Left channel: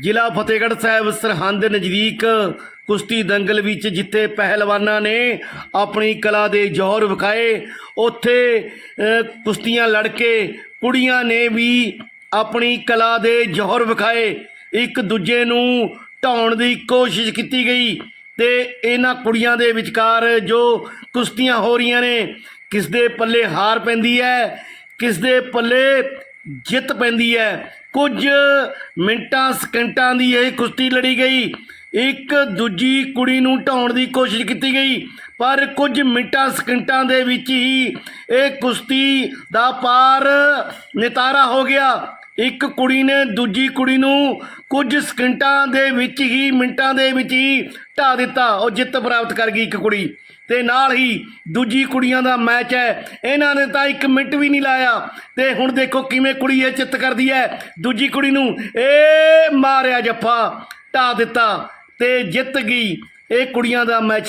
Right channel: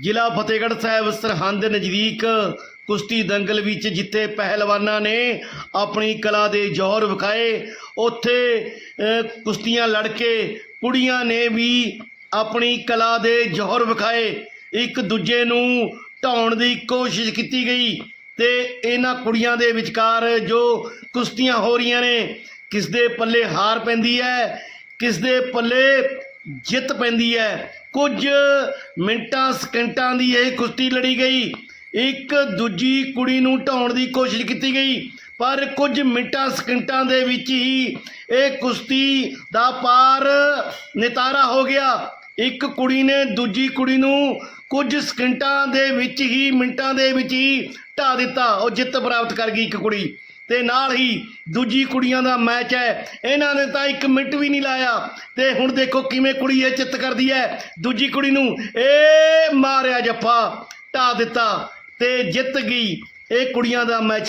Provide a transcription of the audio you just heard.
ਜ਼ਿਲ੍ਹਾ ਫਤਿਹਗੜ੍ਹ ਸਾਹਿਬ ਸਰਹੰਦ ਨਜ਼ਦੀਕ ਕੁਸ਼ਤੀ ਦੰਗਲ ਵਿੱਚ ਜਿੱਥੇ ਪਹਿਲਵਾਨਾਂ ਨੇ ਆਪਣੀ ਕਲਾ ਦੇ ਜ਼ੋਹਰ ਵਿਖਾਏ। ਉੱਥੇ ਕੁਸ਼ਤੀਆਂ ਲੜ ਕੇ ਕੁੜੀਆਂ ਨੇ ਵੀ ਆਪਣੀ ਕਲਾ ਦੇ ਜ਼ੋਹਰ ਵਿਖਾਏ। ਇੱਕ ਦੂਜੇ ਨੂੰ ਢਾਉਣ ਦੀ ਕੋਸ਼ਿਸ਼ ਕੀਤੀ ਗਈ ਤੇ ਇਹਨਾਂ ਕੁੜੀਆਂ ਦੇ ਵਿਚਕਾਰ ਜੋ ਕੁਸ਼ਤੀਆਂ ਹੋ ਰਹੀਆਂ ਨੇ ਕਿਸ ਦੇ ਪੱਲੇ ਹਾਰ ਪੈਂਦੀ ਹੈ ਕਿਸ ਦੇ ਪੱਲੇ ਜਿੱਤ ਪੈਂਦੀ ਹੈ। ਕੁਝ ਮਿੰਟਾਂ, ਸਕਿੰਟਾਂ ਦੀ ਇਹ ਕੁਸ਼ਤੀ ਲੜੀ ਗਈ। ਇੱਕ ਦੂਜੀ ਕੁੜੀ ਨੂੰ ਢਾਉਣ ਦੀ ਕੋਸ਼ਿਸ਼ ਕੀਤੀ ਗਈ, ਪਰ ਕੁਝ ਮਿੰਟਾਂ, ਸਕਿੰਟਾਂ ਦੇ ਵਿੱਚ ਹੀ ਇਹ ਕੁਸ਼ਤੀ ਦਾ ਪਾਰ ਨਿਤਾਰਾ ਹੋ ਗਿਆ। ਇੱਕ ਕੁੜੀ ਨੇ ਦੂਜੀ ਕੁੜੀ ਨੂੰ ਕੁਝ ਸਕਿੰਟਾਂ ਦੇ ਵਿੱਚ ਹੀ, ਮਿੰਟਾਂ ਦੇ ਵਿੱਚ ਹੀ ਢਾ ਦਿੱਤਾ। ਉਹ ਜਿੱਤ ਪ੍ਰਾਪਤ ਕਰ ਗਈ ਇੱਕ ਕੁੜੀ। ਤੇ ਨਾਲ ਹੀ ਦੂਜੀ ਕੁੜੀਆਂ ਦਾ ਮੈਚ ਹੈ। ਇਹਨਾਂ ਨੇ ਤਾਂ ਇੱਕ ਮਿੰਟ ਵੀ ਨਹੀਂ ਲਾਇਆ। ਤੇ ਹੁਣ ਦੇਖੋ ਕਿਵੇਂ ਕੁੜੀ ਇਹ ਚਿੱਤ ਕਰਦੀ ਹੈ। ਦੂਜੀ ਕੁੜੀ ਨੂੰ ਏ ਮਾਰਿਆ ਜੱਫਾ, ਢਾ ਦਿੱਤਾ ਤੇ ਜਿੱਤ ਗਈ। ਇਹ ਕੁੜੀਆਂ ਦਾ ਮੈਚ